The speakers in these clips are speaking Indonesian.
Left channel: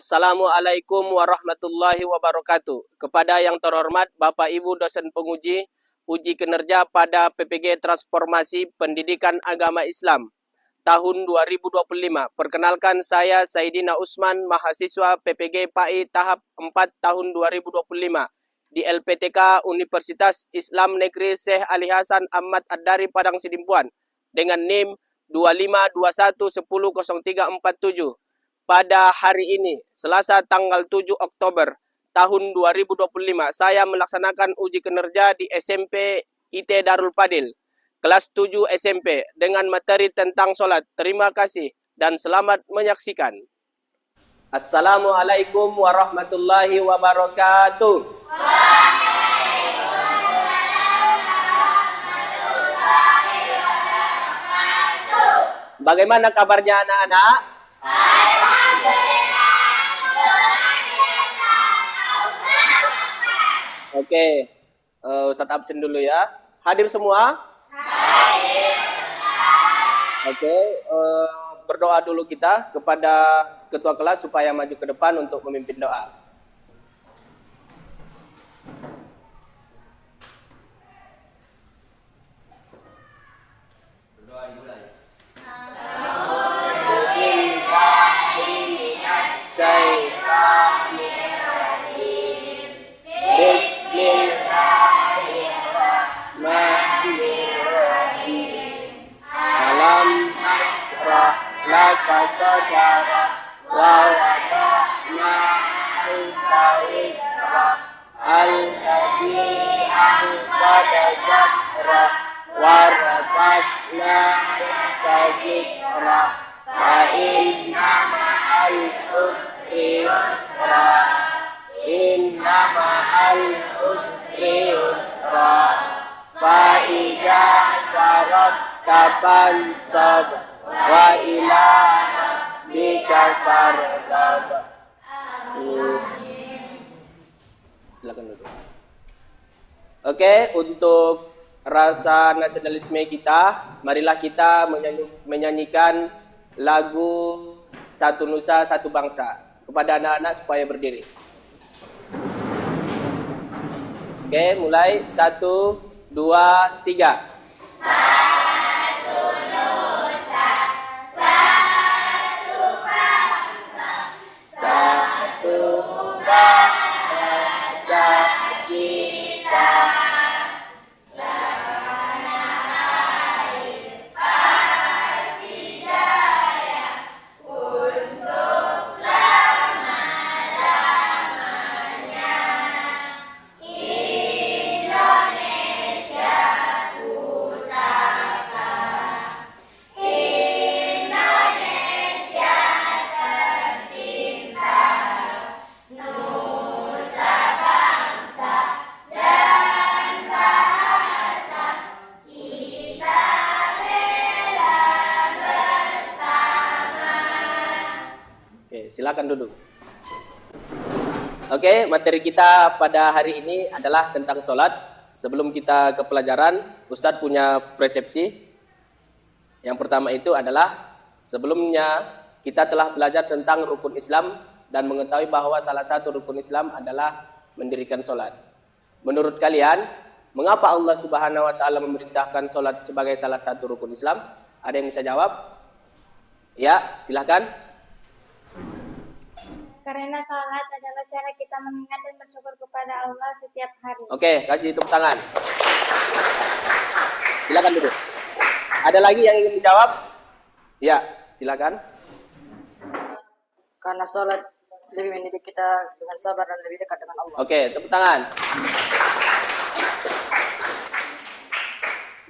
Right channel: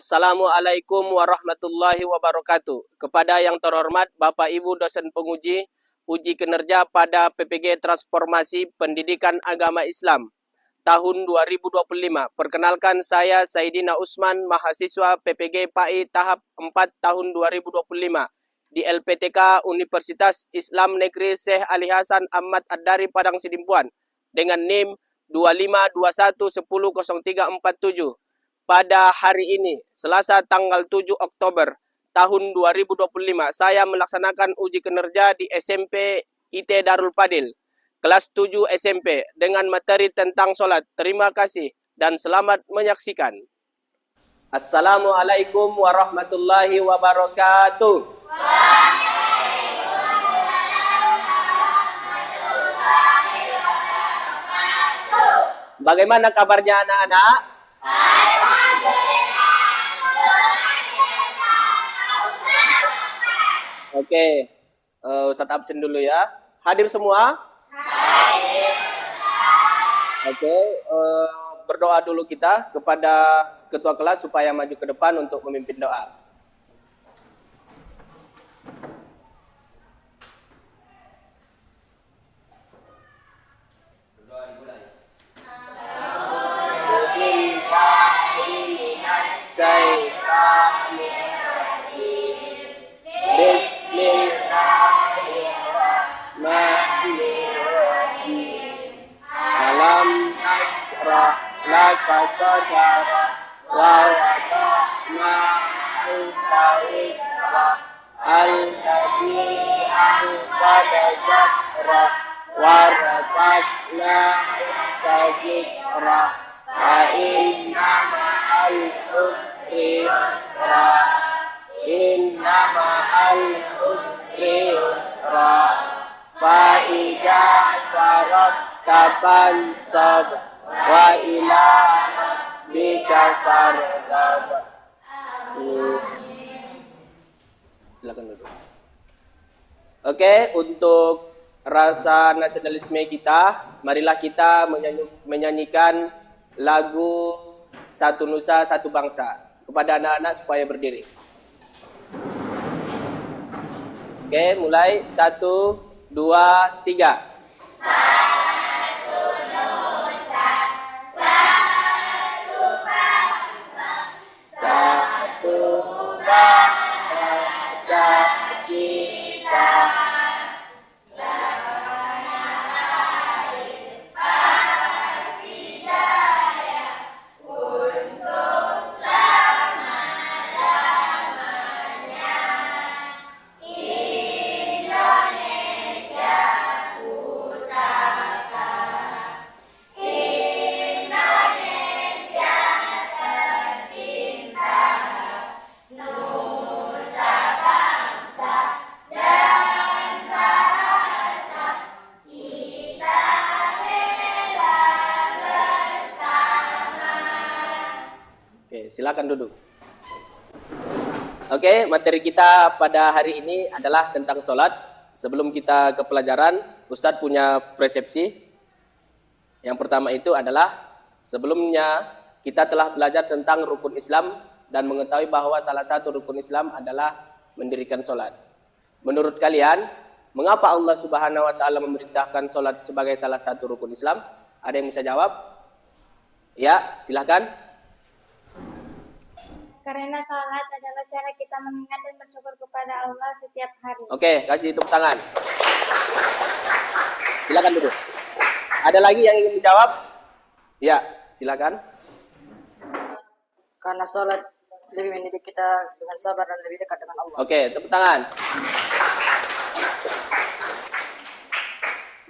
Assalamualaikum warahmatullahi wabarakatuh. Kepada yang terhormat Bapak Ibu dosen penguji uji kinerja pada PPG Transformasi Pendidikan Agama Islam tahun 2025. Perkenalkan, saya Saidina Usman, mahasiswa PPG PAI tahap 4 tahun 2025 di LPTK Universitas Islam Negeri Syekh Ali Hasan Ahmad Ad-Dari Padang Sidimpuan dengan NIM 2521100347. Pada hari ini, Selasa tanggal 7 Oktober tahun 2025, saya melaksanakan uji kinerja di SMP IT Darul Fadil, kelas 7 SMP, dengan materi tentang sholat. Terima kasih dan selamat menyaksikan. Assalamualaikum warahmatullahi wabarakatuh. Bagaimana kabarnya anak-anak? Oke, Ustaz absen dulu ya. Hadir semua? Oke, berdoa dulu kita kepada ketua kelas supaya maju ke depan untuk memimpin doa. Berdoa dimulai. Saja wawatna isra al-ladzi anqada jahra warafa'na tajikra wa inna ma'al usri yusra inna ma'al usri yusra fa idza faragta fansab wa ila rabbika farghab. Oke, untuk rasa nasionalisme kita, marilah kita menyanyikan lagu Satu Nusa Satu Bangsa kepada anak-anak supaya berdiri. Oke, mulai 1, 2, 3. Silakan duduk. Oke, materi kita pada hari ini adalah tentang sholat. Sebelum kita ke pelajaran, Ustadz punya persepsi. Yang pertama itu adalah sebelumnya kita telah belajar tentang rukun Islam dan mengetahui bahwa salah satu rukun Islam adalah mendirikan sholat. Menurut kalian, mengapa Allah Subhanahu Wa Taala memerintahkan sholat sebagai salah satu rukun Islam? Ada yang bisa jawab? Ya, silakan. Karena salat adalah cara kita mengingat dan bersyukur kepada Allah setiap hari. Oke, kasih tepuk tangan. Silakan duduk. Ada lagi yang ingin menjawab? Ya, silakan. Karena salat lebih mendidik kita dengan sabar dan lebih dekat dengan Allah. Oke, tepuk tangan.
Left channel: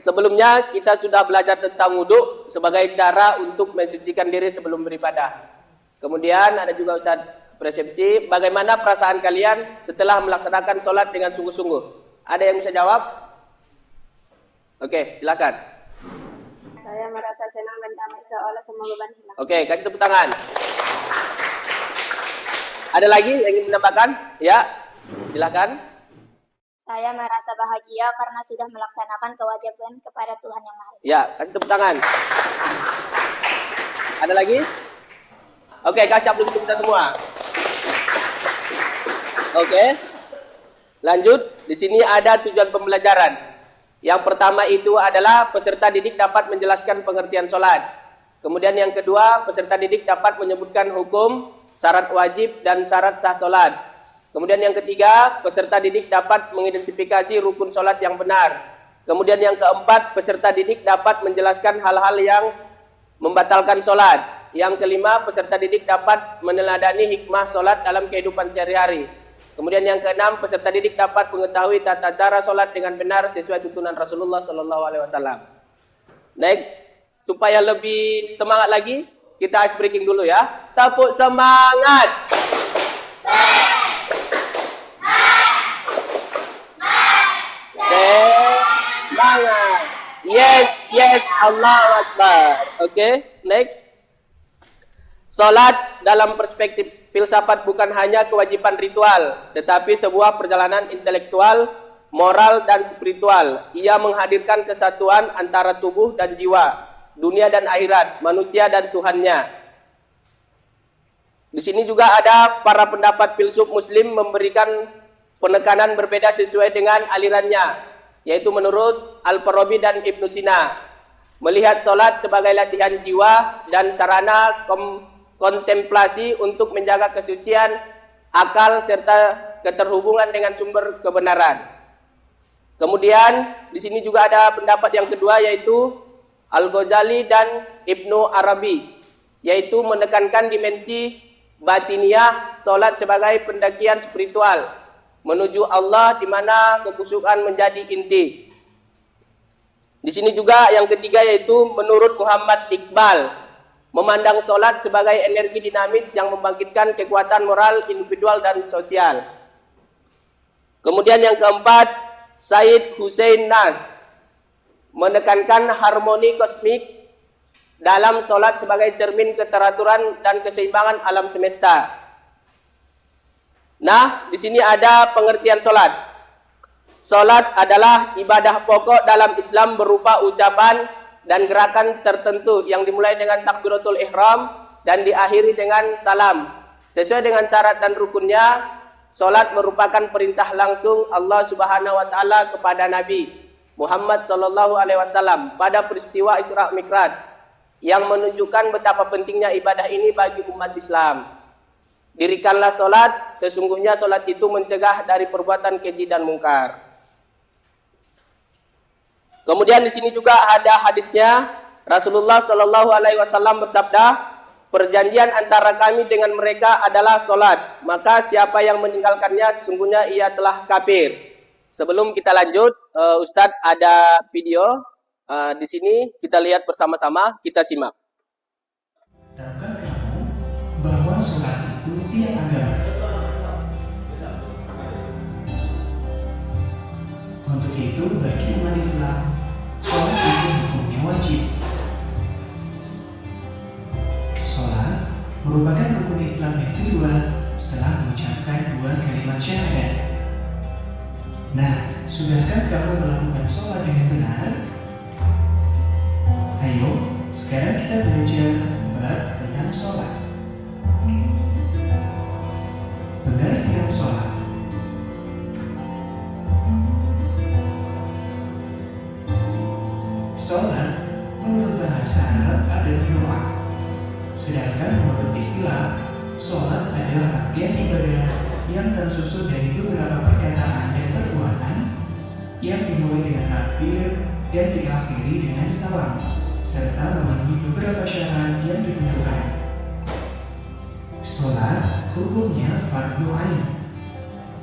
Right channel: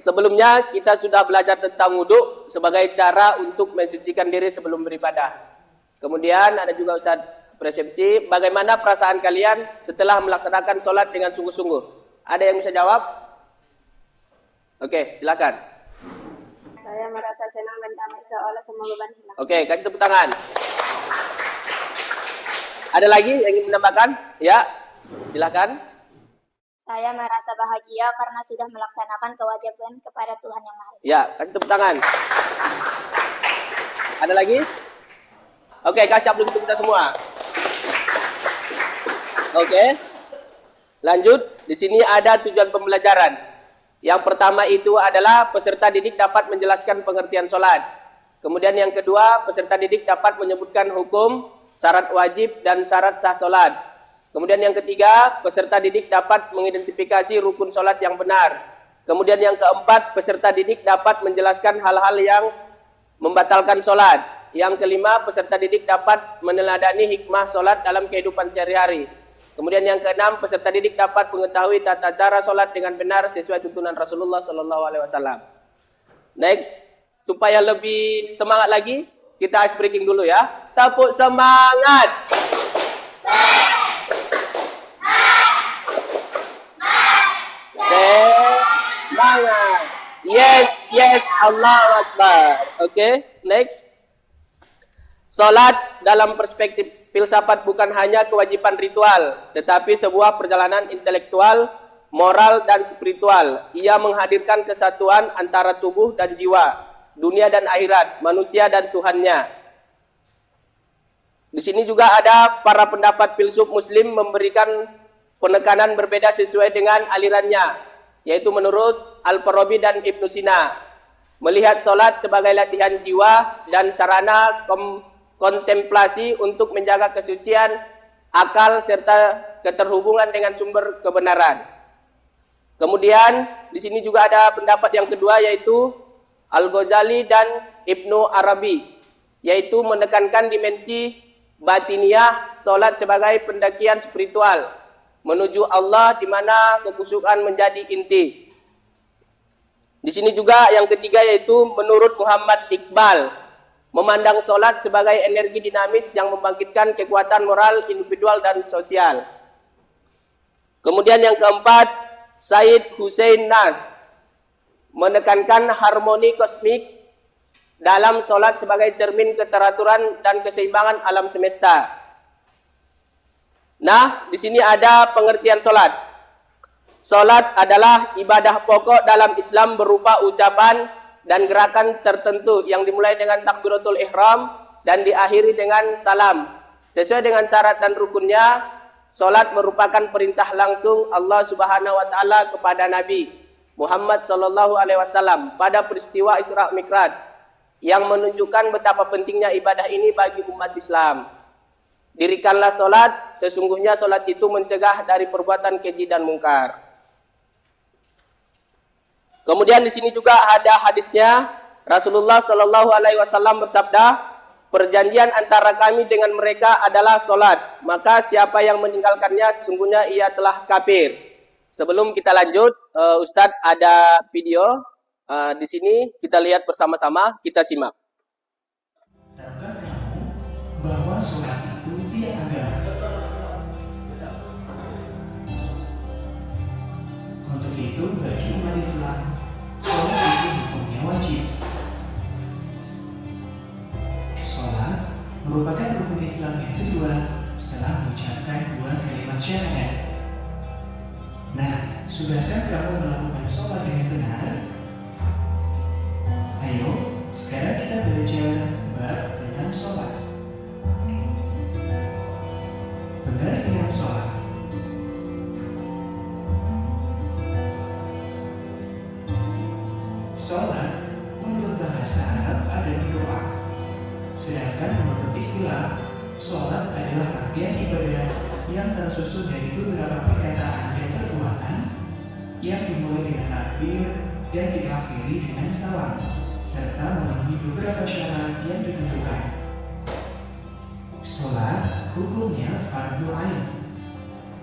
Sebelumnya kita sudah belajar tentang wudhu sebagai cara untuk mensucikan diri sebelum beribadah. Kemudian ada juga Ustadz persepsi, bagaimana perasaan kalian setelah melaksanakan sholat dengan sungguh-sungguh? Ada yang bisa jawab? Oke, silakan. Saya merasa senang dan damai seolah semua beban hilang. Oke, kasih tepuk tangan. Ada lagi yang ingin menambahkan? Ya, silakan. Saya merasa bahagia karena sudah melaksanakan kewajiban kepada Tuhan Yang Maha Esa. Ya, kasih tepuk tangan. Ada lagi? Oke, guys, siap dulu kita semua. Oke. Lanjut, di sini ada tujuan pembelajaran. Yang pertama itu adalah peserta didik dapat menjelaskan pengertian sholat. Kemudian yang kedua, peserta didik dapat menyebutkan hukum, syarat wajib, dan syarat sah sholat. Kemudian yang ketiga, peserta didik dapat mengidentifikasi rukun sholat yang benar. Kemudian yang keempat, peserta didik dapat menjelaskan hal-hal yang membatalkan sholat. Yang kelima, peserta didik dapat meneladani hikmah sholat dalam kehidupan sehari-hari. Kemudian yang keenam, peserta didik dapat mengetahui tata cara sholat dengan benar sesuai tuntunan Rasulullah SAW. Next, supaya lebih semangat lagi, kita ice breaking dulu ya. Tepuk semangat. Semangat. Yes, Allahu Akbar. Okay, next. Sholat dalam perspektif filsafat bukan hanya kewajiban ritual, tetapi sebuah perjalanan intelektual, moral, dan spiritual. Ia menghadirkan kesatuan antara tubuh dan jiwa, dunia dan akhirat, manusia dan Tuhannya. Di sini juga ada para pendapat filsuf muslim memberikan penekanan berbeda sesuai dengan alirannya, yaitu menurut Al-Farabi dan Ibnu Sina, melihat sholat sebagai latihan jiwa dan sarana kontemplasi untuk menjaga kesucian akal serta keterhubungan dengan sumber kebenaran. Kemudian di sini juga ada pendapat yang kedua, yaitu Al-Ghazali dan Ibnu Arabi, yaitu menekankan dimensi batiniah sholat sebagai pendakian spiritual menuju Allah, di mana kekhusyukan menjadi inti. Di sini juga yang ketiga, yaitu menurut Muhammad Iqbal, memandang sholat sebagai energi dinamis yang membangkitkan kekuatan moral individual dan sosial. Kemudian yang keempat, Said Hussein Nas menekankan harmoni kosmik dalam sholat sebagai cermin keteraturan dan keseimbangan alam semesta. Nah, di sini ada pengertian sholat. Sholat adalah ibadah pokok dalam Islam berupa ucapan dan gerakan tertentu yang dimulai dengan takbiratul ihram dan diakhiri dengan salam. Sesuai dengan syarat dan rukunnya, salat merupakan perintah langsung Allah Subhanahu wa taala kepada Nabi Muhammad sallallahu alaihi wasallam pada peristiwa Isra Mi'raj yang menunjukkan betapa pentingnya ibadah ini bagi umat Islam. Dirikanlah salat, sesungguhnya salat itu mencegah dari perbuatan keji dan mungkar. Kemudian di sini juga ada hadisnya, Rasulullah Shallallahu Alaihi Wasallam bersabda, perjanjian antara kami dengan mereka adalah sholat, maka siapa yang meninggalkannya sesungguhnya ia telah kafir. Sebelum kita lanjut, Ustadz ada video di sini, kita lihat bersama-sama, kita simak. Tahukah kamu bahwa sholat itu tiap agama? Untuk itu bagi umat Islam, sholat itu hukumnya wajib. Sholat merupakan rukun Islam yang kedua setelah mengucapkan dua kalimat syahadat. Nah, sudahkah kamu melakukan sholat dengan benar? Ayo, sekarang kita belajar bab tentang sholat. Benar tidak sholat? Sholat menurut bahasa Arab adalah doa. Sedangkan menurut istilah, sholat adalah rangkaian ibadah yang tersusun dari beberapa perkataan dan perbuatan yang dimulai dengan takbir dan diakhiri dengan salam, serta memenuhi beberapa syarat yang ditentukan. Sholat hukumnya fardu ain.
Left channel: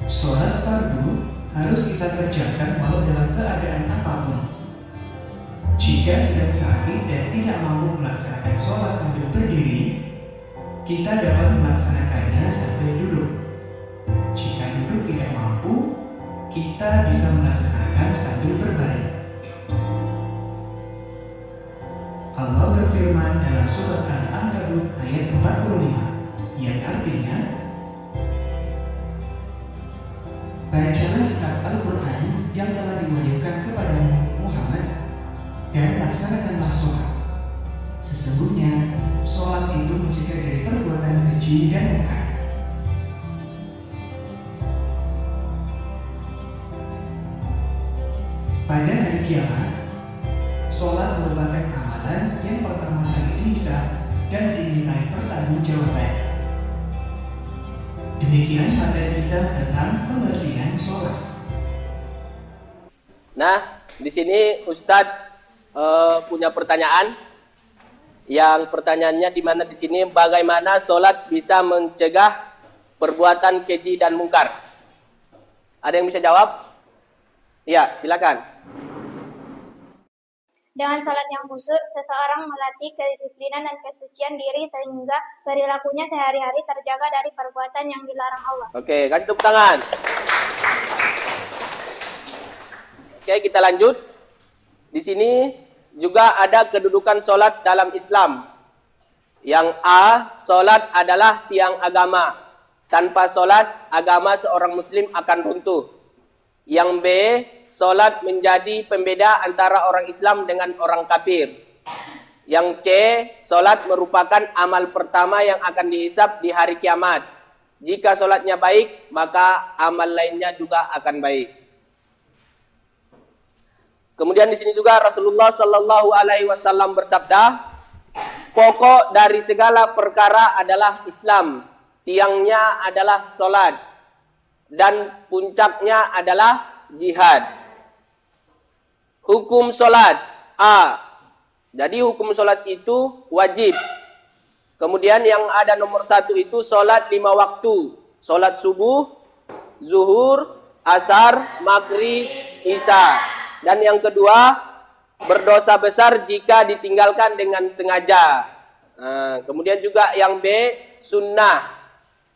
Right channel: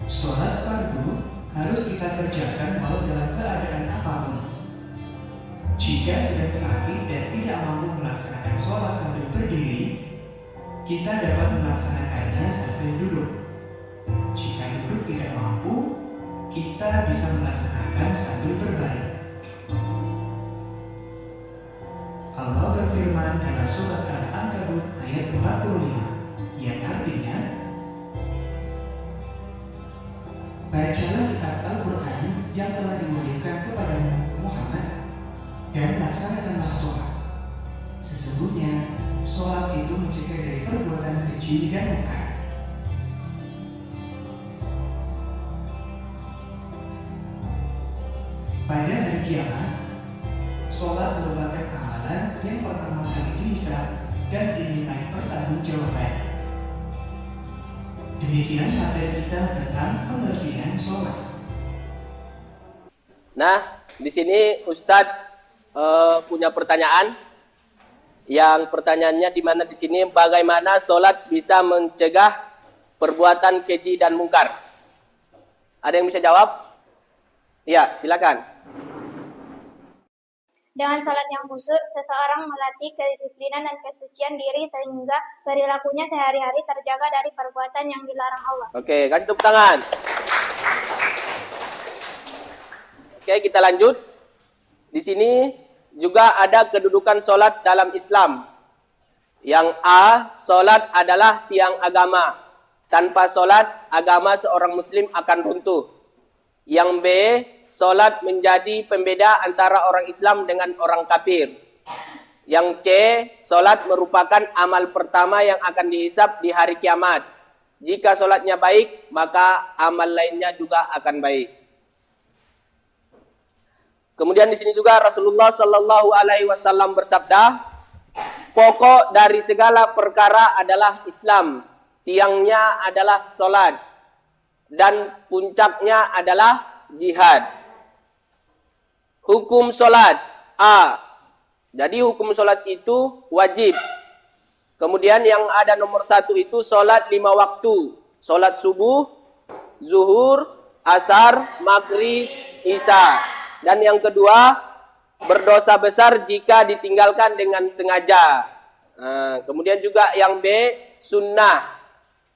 Sholat fardu harus kita kerjakan walau dalam keadaan apapun. Jika sedang sakit dan tidak mampu melaksanakan sholat sambil berdiri, kita dapat melaksanakannya sambil duduk. Jika duduk tidak mampu, kita bisa melaksanakan sambil berbaring. Allah berfirman dalam surat Al-Ankabut ayat 45, yang artinya, bacalah kitab Al-Quran yang telah diwahyukan kepada Muhammad dan laksanakanlah sholat. Sesungguhnya sholat itu mencegah dari perbuatan keji dan mungkar. bisa dan dimintai pertanggungjawaban. Demikian materi kita tentang pengertian sholat. Nah, di sini Ustadz punya pertanyaan. Yang pertanyaannya di mana di sini, bagaimana sholat bisa mencegah perbuatan keji dan mungkar? Ada yang bisa jawab? Iya, silakan. Dengan salat yang khusyuk, seseorang melatih kedisiplinan dan kesucian diri sehingga perilakunya sehari-hari terjaga dari perbuatan yang dilarang Allah. Oke, kasih tepuk tangan. Oke, kita lanjut. Di sini juga ada kedudukan sholat dalam Islam. Yang A, sholat adalah tiang agama. Tanpa sholat, agama seorang muslim akan runtuh. Yang B, sholat menjadi pembeda antara orang Islam dengan orang kafir. Yang C, sholat merupakan amal pertama yang akan dihisab di hari kiamat. Jika sholatnya baik, maka amal lainnya juga akan baik. Kemudian di sini juga Rasulullah Shallallahu Alaihi Wasallam bersabda, pokok dari segala perkara adalah Islam, tiangnya adalah sholat, dan puncaknya adalah jihad. Hukum sholat A. Jadi hukum sholat itu wajib. Kemudian yang ada nomor 1 itu sholat 5 waktu. Sholat subuh, zuhur, asar, maghrib, isya. Dan yang kedua, berdosa besar jika ditinggalkan dengan sengaja. Kemudian juga yang B, sunnah.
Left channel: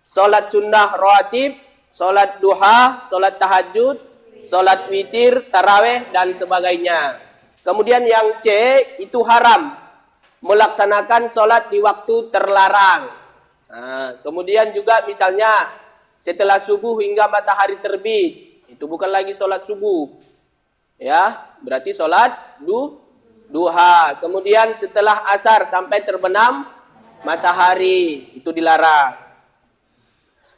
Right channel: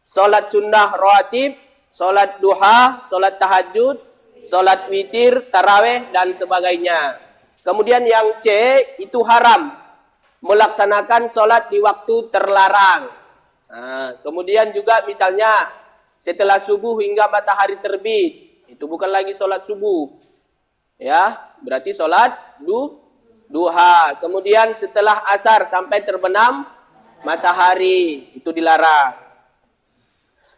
Sholat sunnah rawatib, sholat duha, sholat tahajud, sholat witir, taraweh, dan sebagainya. Kemudian yang C, itu haram. Melaksanakan sholat di waktu terlarang. Kemudian juga misalnya setelah subuh hingga matahari terbit. Itu bukan lagi sholat subuh. Ya, berarti sholat duha. Kemudian setelah asar sampai terbenam matahari, itu dilarang.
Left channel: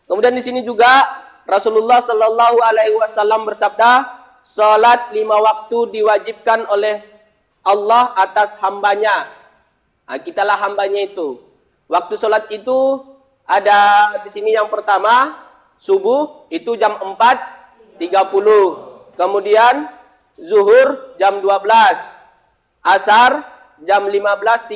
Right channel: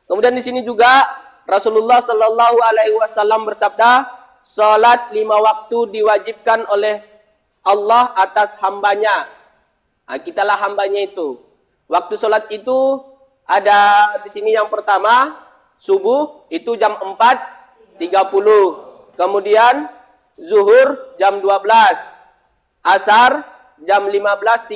Kemudian di sini juga Rasulullah Shallallahu Alaihi Wasallam bersabda, sholat 5 waktu diwajibkan oleh Allah atas hambanya. Nah, kitalah hambanya itu. Waktu sholat itu ada di sini yang pertama, subuh itu jam 4.30. Kemudian zuhur jam 12, asar jam 15.30,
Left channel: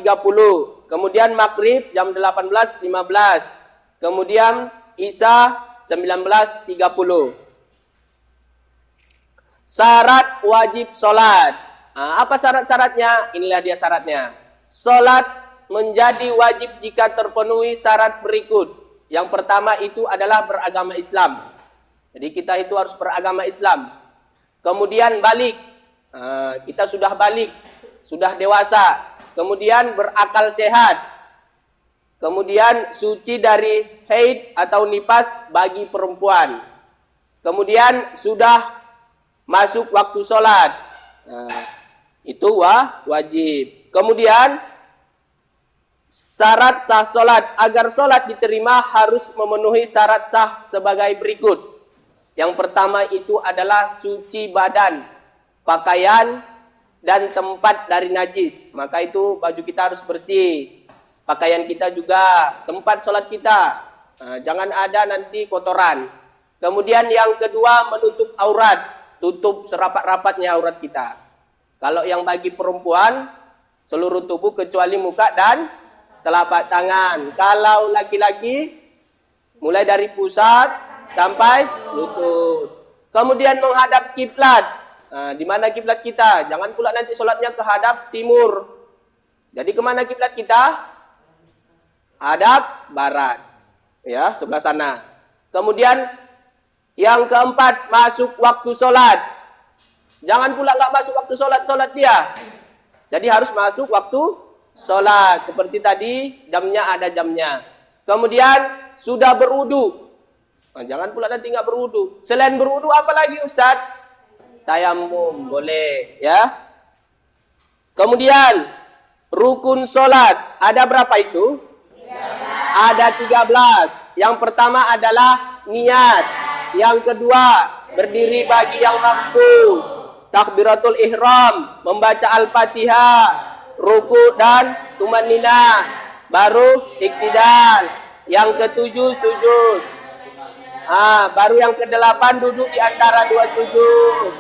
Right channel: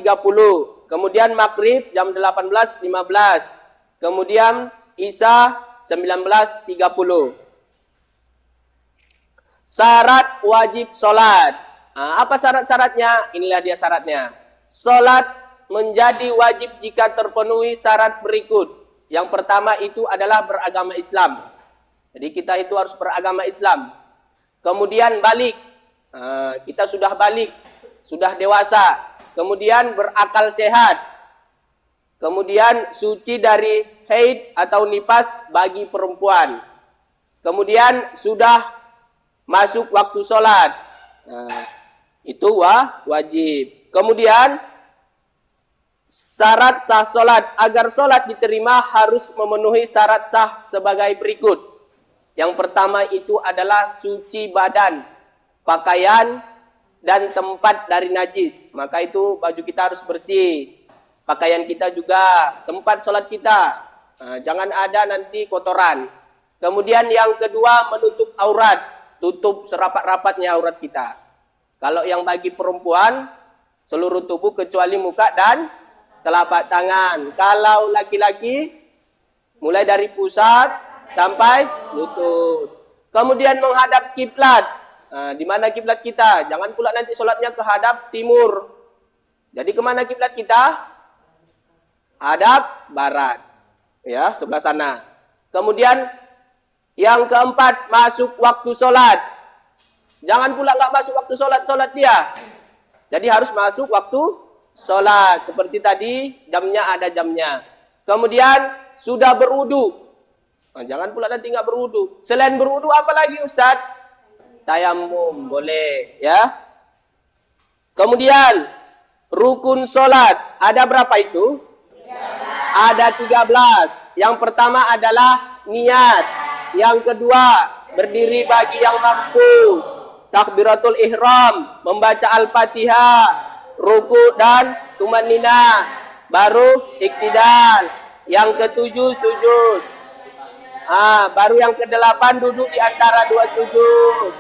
kemudian maghrib jam 18.15, kemudian isya 19.30. Syarat wajib sholat. Apa syarat-syaratnya? Inilah dia syaratnya. Sholat menjadi wajib jika terpenuhi syarat berikut. Yang pertama itu adalah beragama Islam. Jadi kita itu harus beragama Islam. Kemudian balik, kita sudah balik, sudah dewasa. Kemudian berakal sehat. Kemudian suci dari haid atau nifas bagi perempuan. Kemudian sudah masuk waktu sholat. Itu wajib. Kemudian syarat sah sholat. Agar sholat diterima harus memenuhi syarat sah sebagai berikut. Yang pertama itu adalah suci badan, pakaian, dan tempat dari najis. Maka itu baju kita harus bersih. Pakaian kita juga, tempat sholat kita. Jangan ada nanti kotoran. Kemudian yang kedua menutup aurat. Tutup serapat-rapatnya aurat kita. Kalau yang bagi perempuan, seluruh tubuh kecuali muka dan telapak tangan. Kalau laki-laki, mulai dari pusat sampai lutut. Kemudian menghadap kiblat. Di mana kiblat kita? Jangan pula nanti sholatnya menghadap timur. Jadi kemana kiblat kita? Hadap barat. Ya, sebelah sana. Kemudian yang keempat, masuk waktu sholat. Jangan pula nggak masuk waktu sholat dia. Jadi harus masuk waktu sholat. Seperti tadi, jamnya ada jamnya. Kemudian sudah berwudu. Jangan pula nanti nggak berwudu. Selain berwudu apa lagi Ustaz? Tayamum boleh, ya. Kemudian rukun sholat ada berapa itu? Ada 13. Yang pertama adalah niat. Yang kedua berdiri bagi yang mampu. Takbiratul ihram, membaca Al-Fatihah. ruku dan tumanina. Baru iktidal. Yang ketujuh sujud. Baru yang kedelapan duduk di antara dua sujud.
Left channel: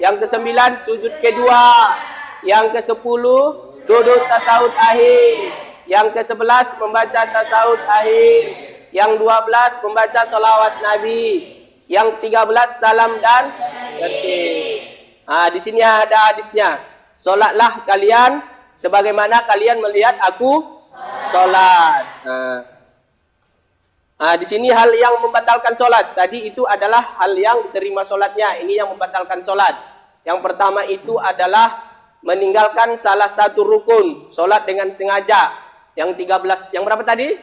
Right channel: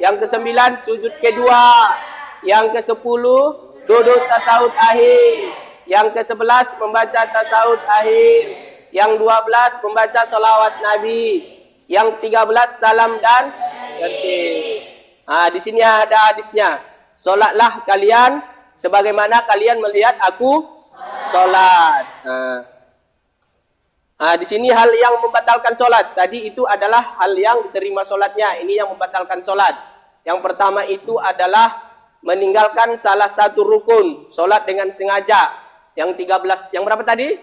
Yang kesembilan sujud kedua. Yang kesepuluh duduk tasawuf akhir. Yang ke-11 membaca tasawuf akhir. Yang 12 membaca salawat Nabi. Yang 13 salam dan tertib. Di sini ada hadisnya. Solatlah kalian sebagaimana kalian melihat aku solat. Di sini hal yang membatalkan solat. Tadi itu adalah hal yang diterima solatnya. Ini yang membatalkan solat. Yang pertama itu adalah meninggalkan salah satu rukun. Solat dengan sengaja. Yang 13, yang berapa tadi?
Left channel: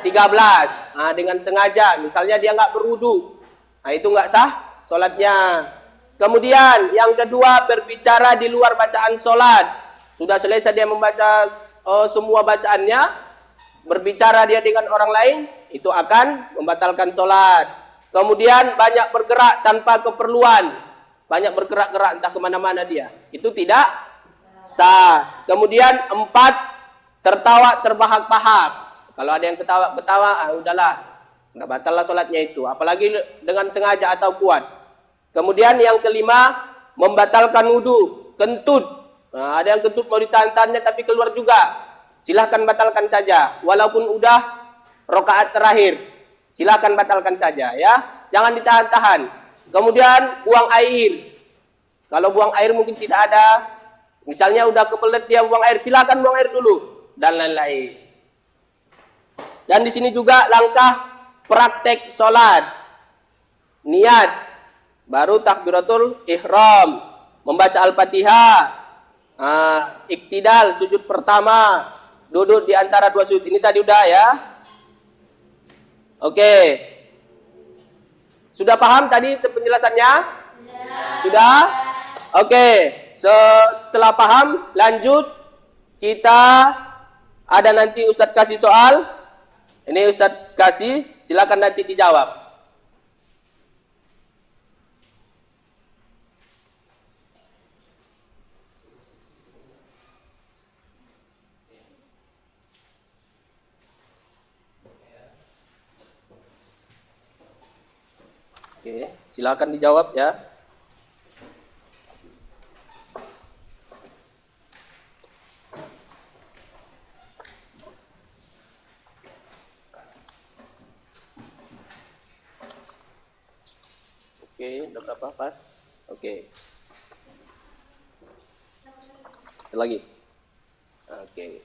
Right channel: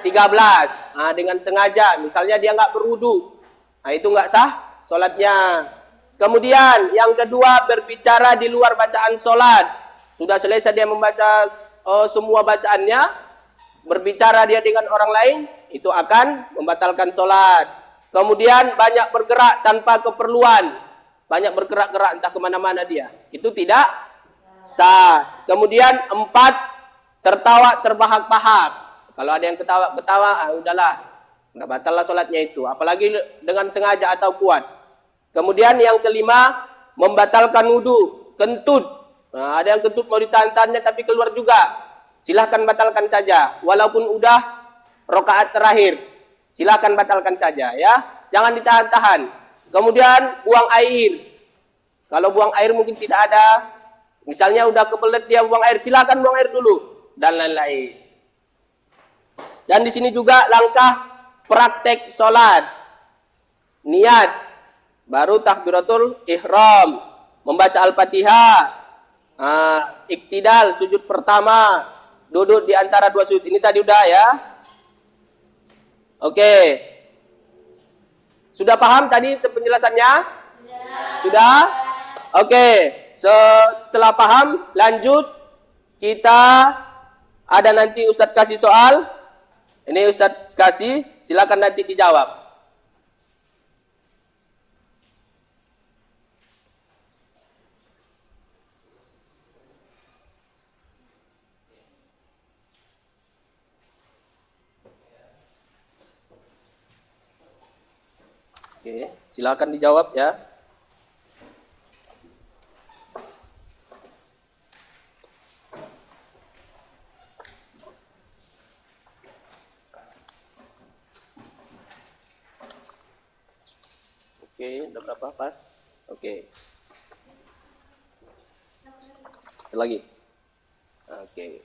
13. Dengan sengaja. Misalnya dia nggak berwudu. Itu nggak sah solatnya. Kemudian yang kedua berbicara di luar bacaan solat. Sudah selesai dia membaca semua bacaannya. Berbicara dia dengan orang lain. Itu akan membatalkan solat. Kemudian banyak bergerak tanpa keperluan. Banyak bergerak-gerak entah kemana-mana dia. Itu tidak sah. Kemudian 4. Tertawa terbahak-bahak. Kalau ada yang ketawa, udahlah. Udah batal lah solatnya itu. Apalagi dengan sengaja atau kuat. Kemudian yang kelima, membatalkan wudu. Kentut. Ada yang kentut mau ditahan-tahannya tapi keluar juga. Silahkan batalkan saja. Walaupun udah rakaat terakhir. Silahkan batalkan saja ya. Jangan ditahan-tahan. Kemudian buang air. Kalau buang air mungkin tidak ada. Misalnya udah kebelet dia buang air. Silahkan buang air dulu. Dan lain-lain. Dan di sini juga langkah praktek sholat. Niat. Baru takbiratul ihram. Membaca Al-Fatihah. Iktidal, sujud pertama. Duduk di antara dua sujud. Ini tadi udah ya. Oke. Sudah paham tadi penjelasannya? Sudah? Oke. Setelah paham, lanjut. Kita ada nanti Ustadz kasih soal. Ini Ustadz kasih, silakan nanti dijawab. Oke, silakan dijawabnya. Oke, beberapa pas. Oke. Satu lagi. Oke.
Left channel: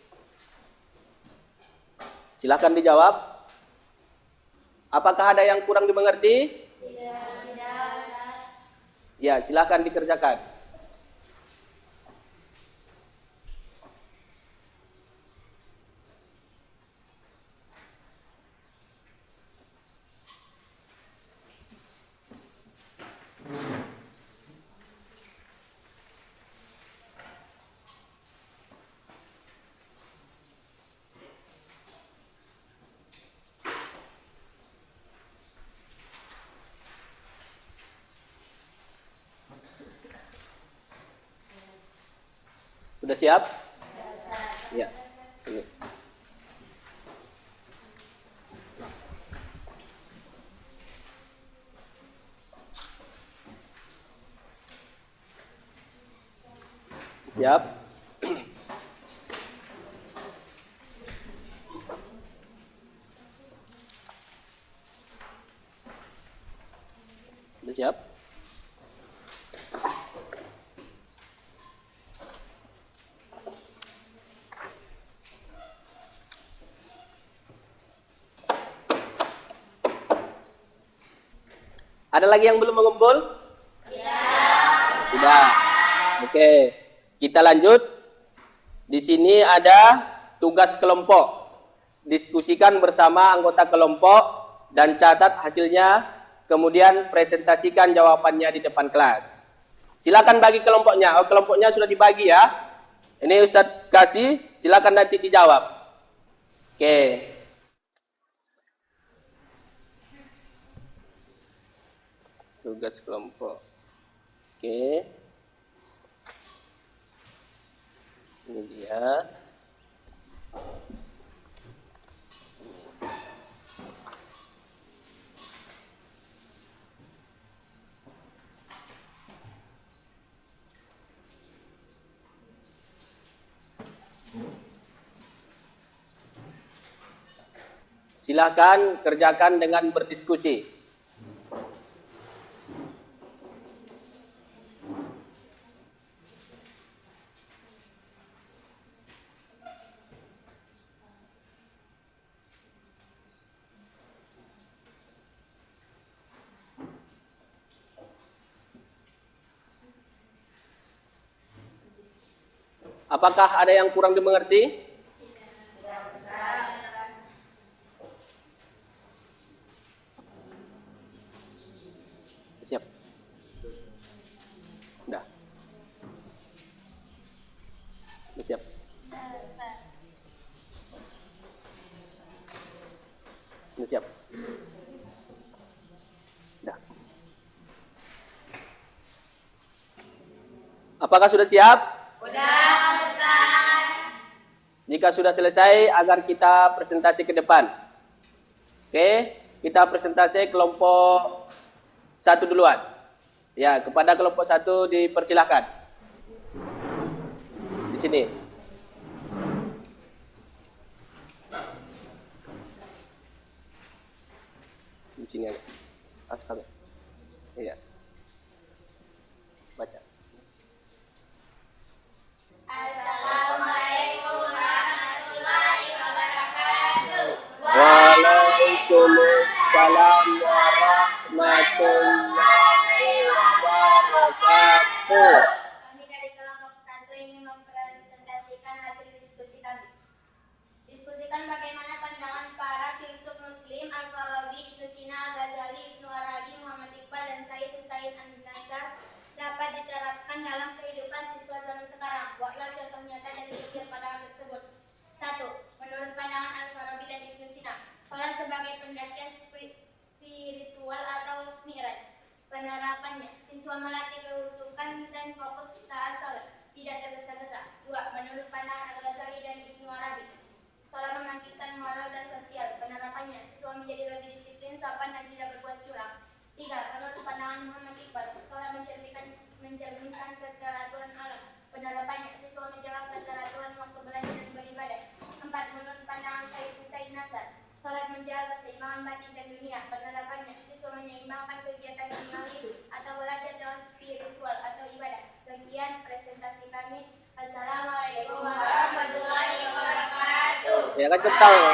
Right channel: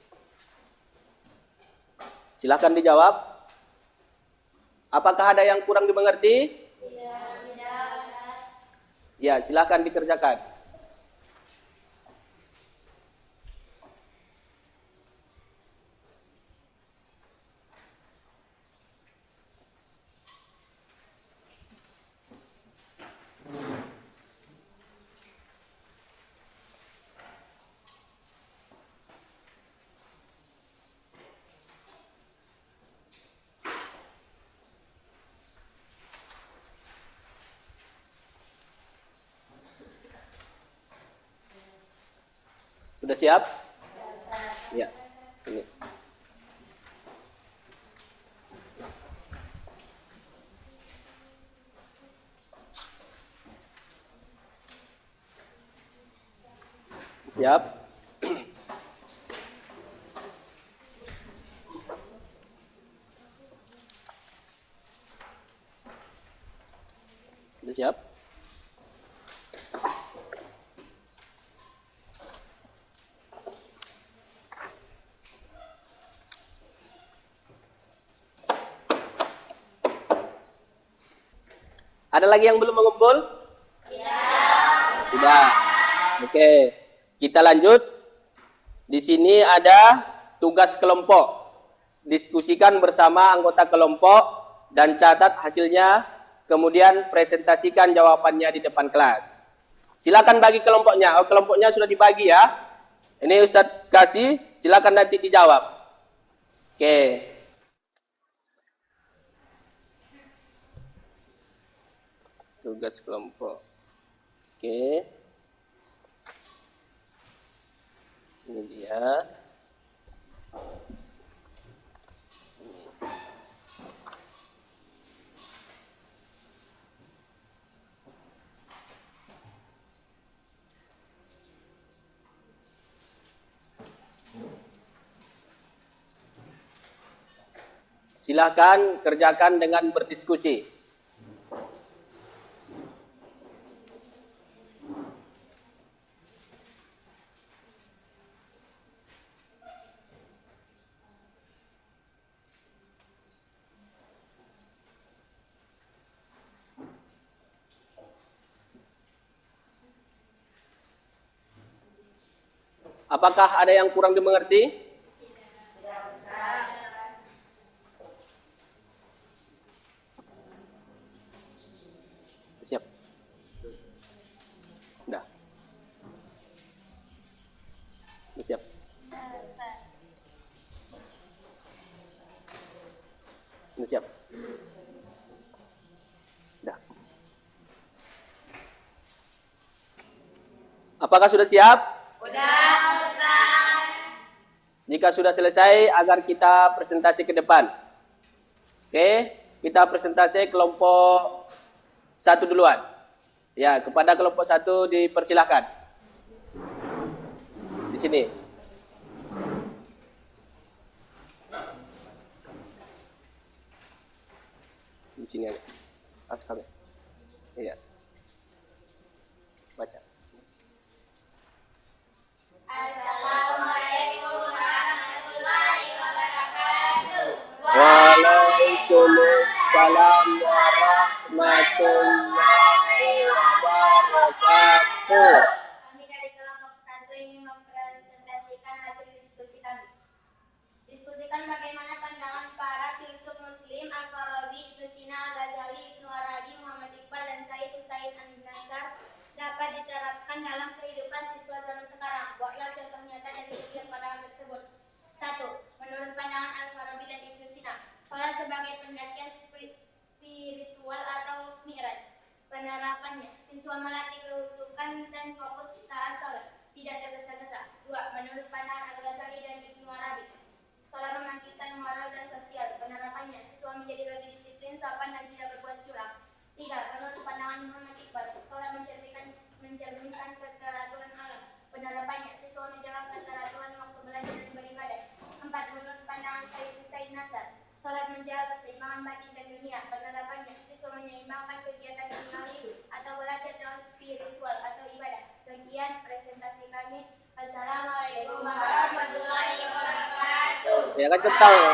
Silakan dijawab. Apakah ada yang kurang dimengerti? Ya, silakan dikerjakan. Sudah siap? Ya. Sini. Siap? Sudah siap? Ada lagi yang belum mengumpul? Tidak. Oke. Kita lanjut. Di sini ada tugas kelompok. Diskusikan bersama anggota kelompok dan catat hasilnya. Kemudian presentasikan jawabannya di depan kelas. Silakan bagi kelompoknya. Kelompoknya sudah dibagi ya. Ini Ustadz kasih. Silakan nanti dijawab. Oke. Tugas kelompok. Oke. Ini dia. Silakan kerjakan dengan berdiskusi. Apakah ada yang kurang dimengerti? Siap. Sudah. Siap. Siap. Sudah. Apakah sudah siap? Jika sudah selesai, agar kita presentasi ke depan. Oke, kita presentasi kelompok 1 duluan. Ya, kepada kelompok 1 dipersilahkan. Di sini. Di sini aja. Askal. Iya. Baca. Waalaikumsalam warahmatullahi wabarakatuh. Kami dari kelompok 1 ingin mempresentasikan hasil diskusi kami. Diskusikan bagaimana pandangan para filsuf Muslim Al-Farabi, Ibnu Sina, Al-Ghazali, Ibnu Arabi, Muhammad Iqbal, dan Said Hussein An-Nasr dapat diterapkan dalam kehidupan siswa zaman sekarang. Buatlah contoh nyata dari setiap pandangan tersebut. 1. Menurut pandangan Al-Farabi dan Ibnu Sina, salat sebagai pendakian spiritual atau mi'raj. Penerapannya, siswa melatih kehusukan dan fokus saat salat, tidak tergesa-gesa. 2. Menurut pandangan Al-Ghazali dan Ibnu Arabi, salat membangkitkan moral dan sosial. Penerapannya, siswa menjadi lebih disiplin, sopan, dan tidak berbuat curang. 3. Menurut pandangan Muhammad Iqbal, salat mencerminkan keteraturan alam. Penerapannya, siswa menjaga keteraturan waktu belajar dan beribadah. 4. Menurut pandangan Said Hussein Nasr, salat menjaga keseimbangan batin dan dunia. Penerapannya, siswa menyeimbangkan kegiatan duniawi atau belajar dengan spiritual atau ibadah. Sekian presentasi kami. Assalamualaikum warahmatullahi wabarakatuh. Ya, kasih tepuk tangan.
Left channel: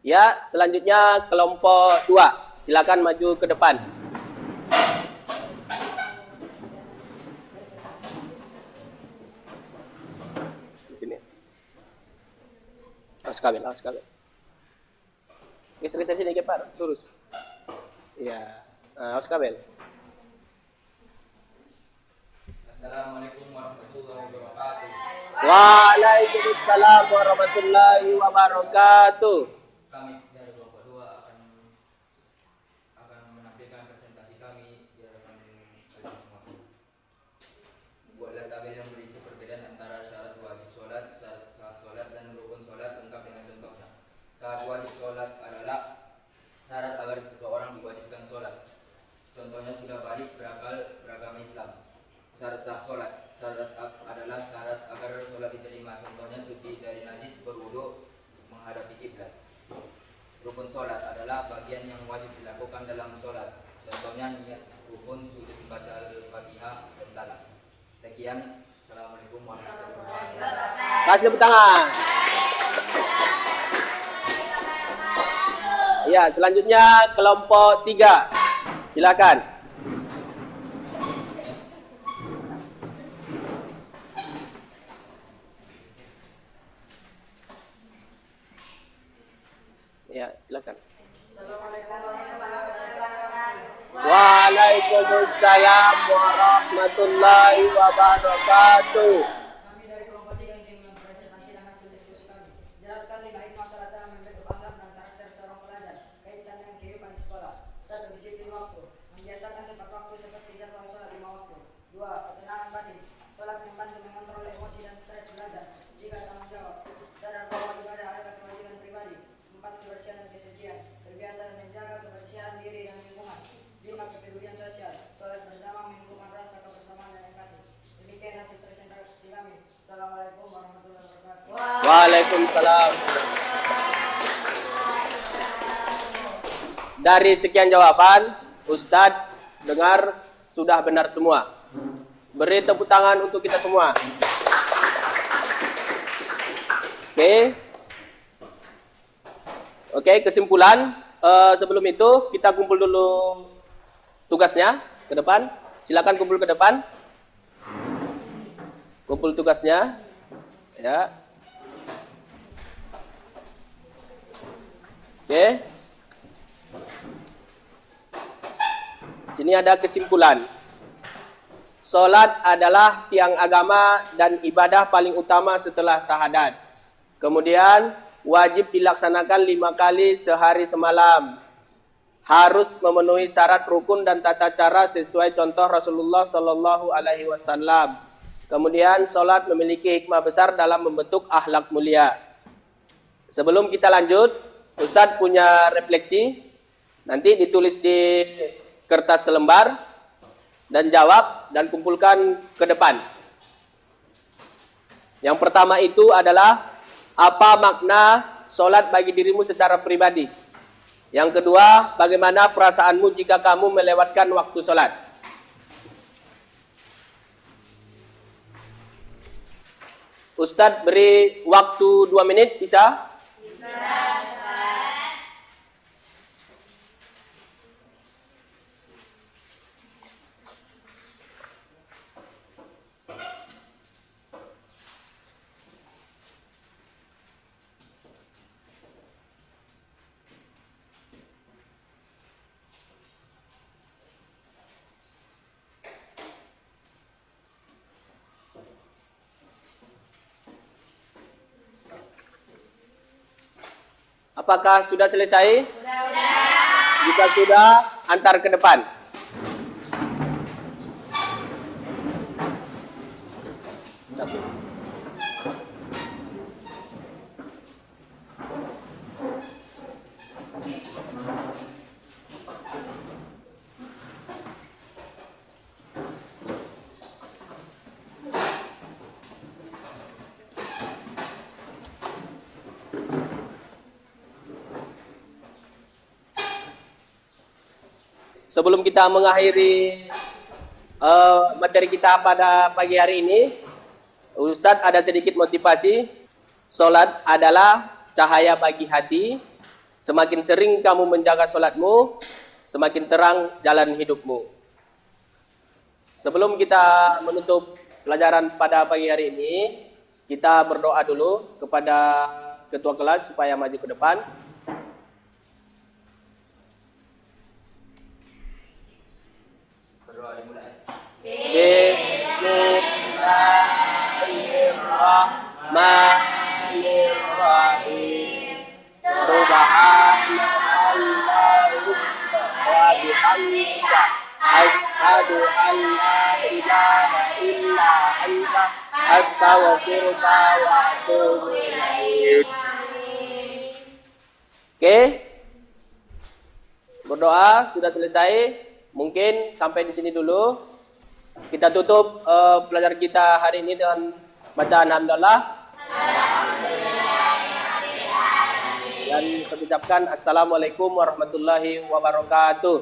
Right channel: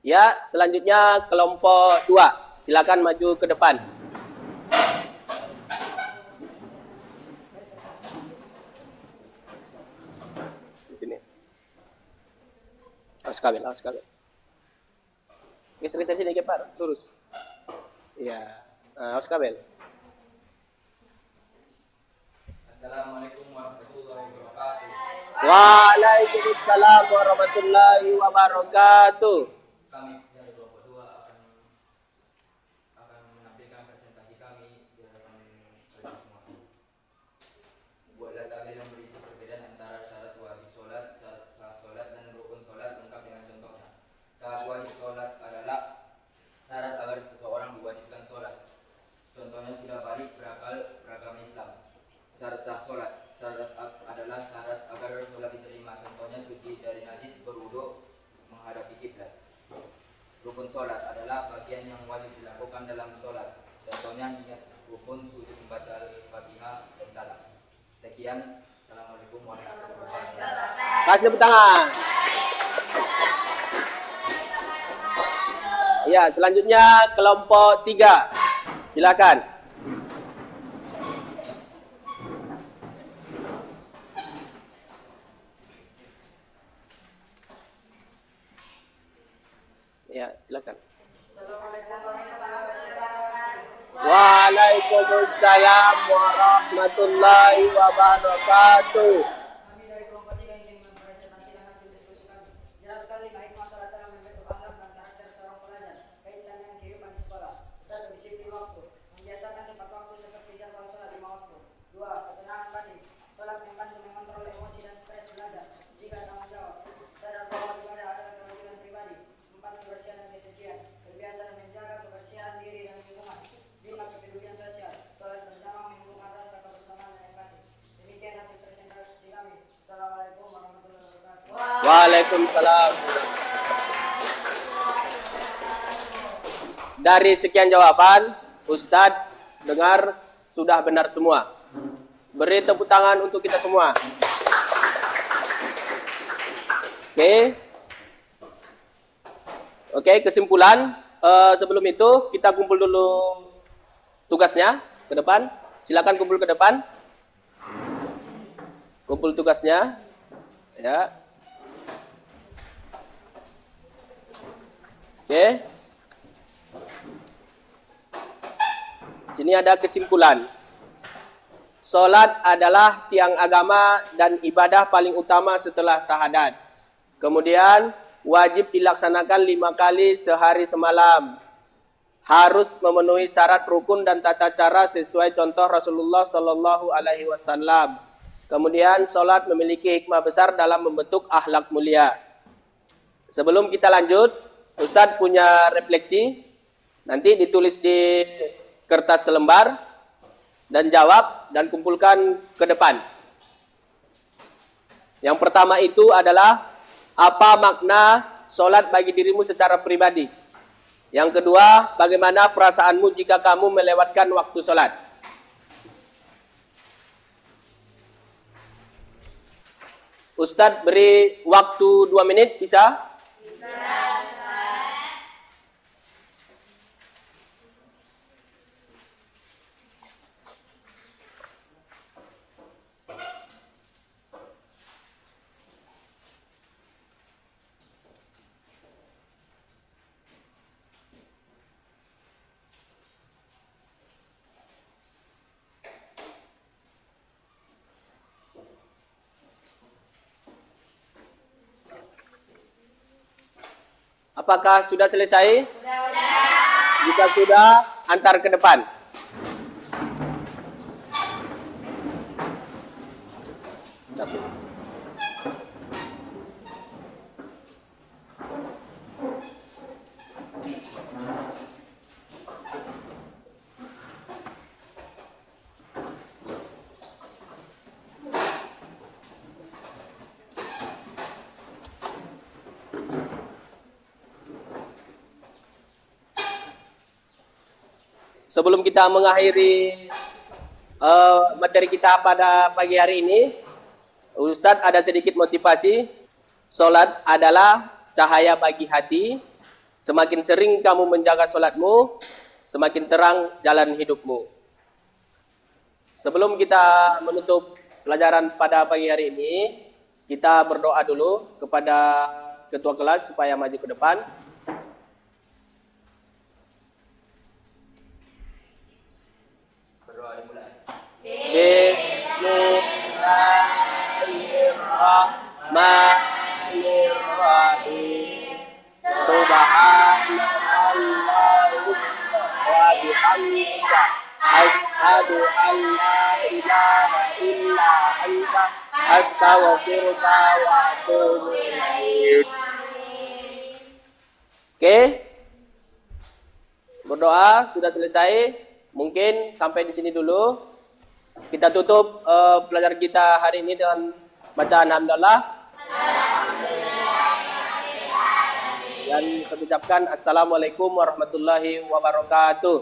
Ya, selanjutnya kelompok 2. Silakan maju ke depan. Di sini. Awas kabel. Geser sedikit, Pak. Lurus. Iya. Awas kabel. Assalamualaikum warahmatullahi wabarakatuh. Waalaikumsalam warahmatullahi wabarakatuh. Kami dari kelompok 2 akan menampilkan presentasi kami di hadapan kalian semua. Buatlah tabel yang berisi perbedaan antara syarat wajib sholat, syarat sah sholat, dan rukun sholat lengkap dengan contohnya. Syarat wajib sholat adalah syarat agar seseorang diwajibkan sholat. Contohnya sudah balik beragama Islam. Syarat sah sholat adalah syarat agar sholat diterima. Contohnya suci dari najis, berwudu, menghadapi kiblat. Rukun sholat adalah bagian yang wajib dilakukan dalam sholat. Contohnya niat rukun, sujud, baca al-fatihah, dan salam. Sekian. Assalamualaikum warahmatullahi wabarakatuh. Kasih tepuk tangan. Ya, selanjutnya kelompok 3. Silakan. Ya, silakan. Waalaikumsalam warahmatullahi wabarakatuh. Kami dari kelompok 3 ingin mempresentasikan hasil diskusi kami. Jelas sekali baik masalah dalam memberi kebanggaan dan karakter seorang pelajar, kaitan dengan kehidupan di sekolah. 1. Disiplin waktu. Membiasakan tepat waktu seperti jadwal sholat 5 waktu Waalaikumsalam. Dari sekian jawaban, Ustadz dengar sudah benar semua. Beri tepuk tangan untuk kita semua. Oke, kesimpulan. Sebelum itu kita kumpul dulu tugasnya ke depan. Silakan kumpul ke depan. Kumpul tugasnya. Ya. Oke. Sini ada kesimpulan. Salat adalah tiang agama dan ibadah paling utama setelah syahadat. Kemudian wajib dilaksanakan 5 kali sehari semalam. Harus memenuhi syarat rukun dan tata cara sesuai contoh Rasulullah Sallallahu Alaihi Wasallam. Kemudian salat memiliki hikmah besar dalam membentuk akhlak mulia. Sebelum kita lanjut, Ustadz punya refleksi. Nanti ditulis di kertas selembar dan jawab dan kumpulkan ke depan. Yang pertama itu adalah apa makna sholat bagi dirimu secara pribadi. Yang kedua, bagaimana perasaanmu jika kamu melewatkan waktu sholat. Ustadz beri waktu 2 menit, bisa? Apakah sudah selesai? Jika sudah, antar ke depan. Sebelum kita mengakhiri materi kita pada pagi hari ini, Ustadz ada sedikit motivasi. Salat adalah cahaya bagi hati. Semakin sering kamu menjaga salatmu, semakin terang jalan hidupmu. Sebelum kita menutup pelajaran pada pagi hari ini, kita berdoa dulu kepada ketua kelas supaya maju ke depan. Asyhadu an la ilaha illa anta astaghfiruka wa atubu ilaik. Oke. Berdoa sudah selesai. Mungkin sampai di sini dulu. Kita tutup pelajaran kita hari ini dengan bacaan hamdalah. Dan saya ucapkan assalamualaikum warahmatullahi wabarakatuh.